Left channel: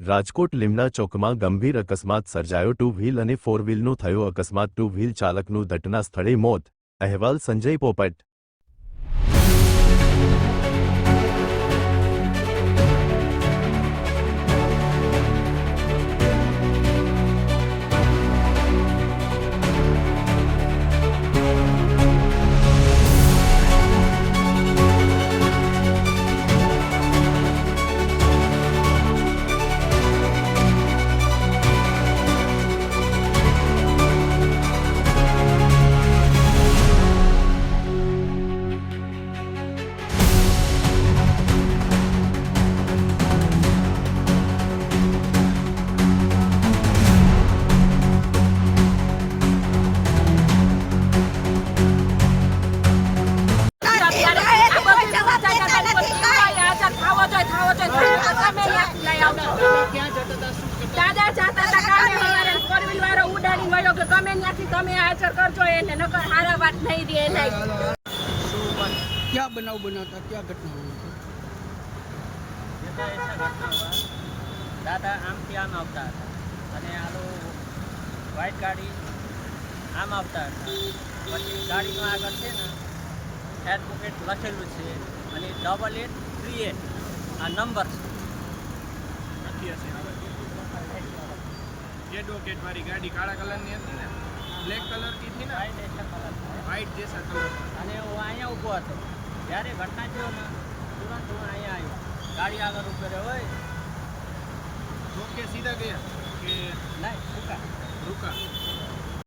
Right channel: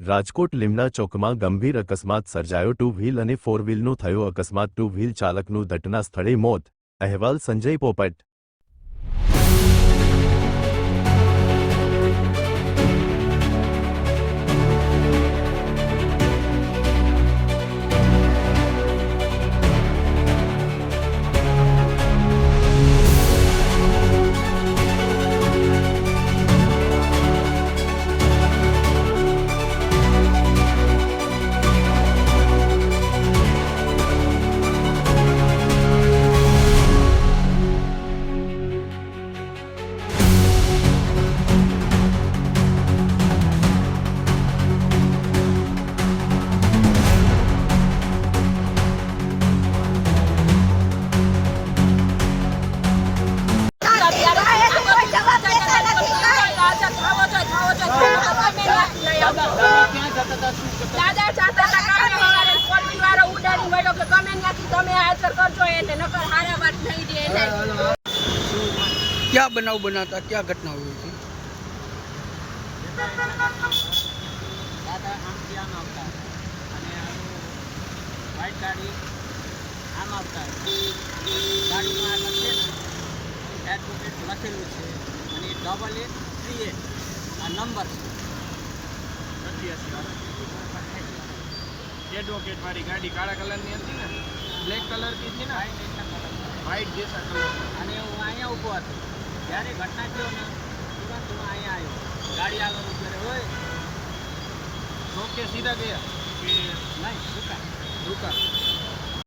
રાજકોટ લીમડા ચોકમાં ગંભીર અકસ્માત સર્જાયો। ટુ વ્હીલ અને ફોર વ્હીલનો થયો અકસ્માત। ટુ વ્હીલ ચાલકનું ઘટના સ્થળે મોત। અહેવાલ સંજય પોપટ। દાદા જાતા તા કામે યાર ફોર વ્હીલ વાળો ઉડાડી વળ્યો કે તમે ત્યાંથી તમે હાજર કરજો એને નકર હારા વાત નહીં દે એને। क्या बनाव बनाता क्या घटना हुई थी? ऐसा घटना हुआ दादा आम થી આમ આવતા હતા અને આલો વ્હાઈટ ગાડી આમ આવતા હતા। પછી ગાડીનો આગળ છે ને એડવોકેટ લખેલું છે અને 8838 આ નંબર છે। एडवोकेट वाली गाड़ी काला कलर ની હતી ને બ્લેક કલર की थी ना વ્હાઈટ એસા કલર થાય व्हाइट जैसा कलर था। અને હું અહીંયા ઊભો હતો જ્યારે ઘટના થયો ને તુરંત હું અહીંયા આવ્યો ગાડી આગળ ઊભો રહ્યો હોય रोक के सीधा गया कि નહીં રૂકા रुका?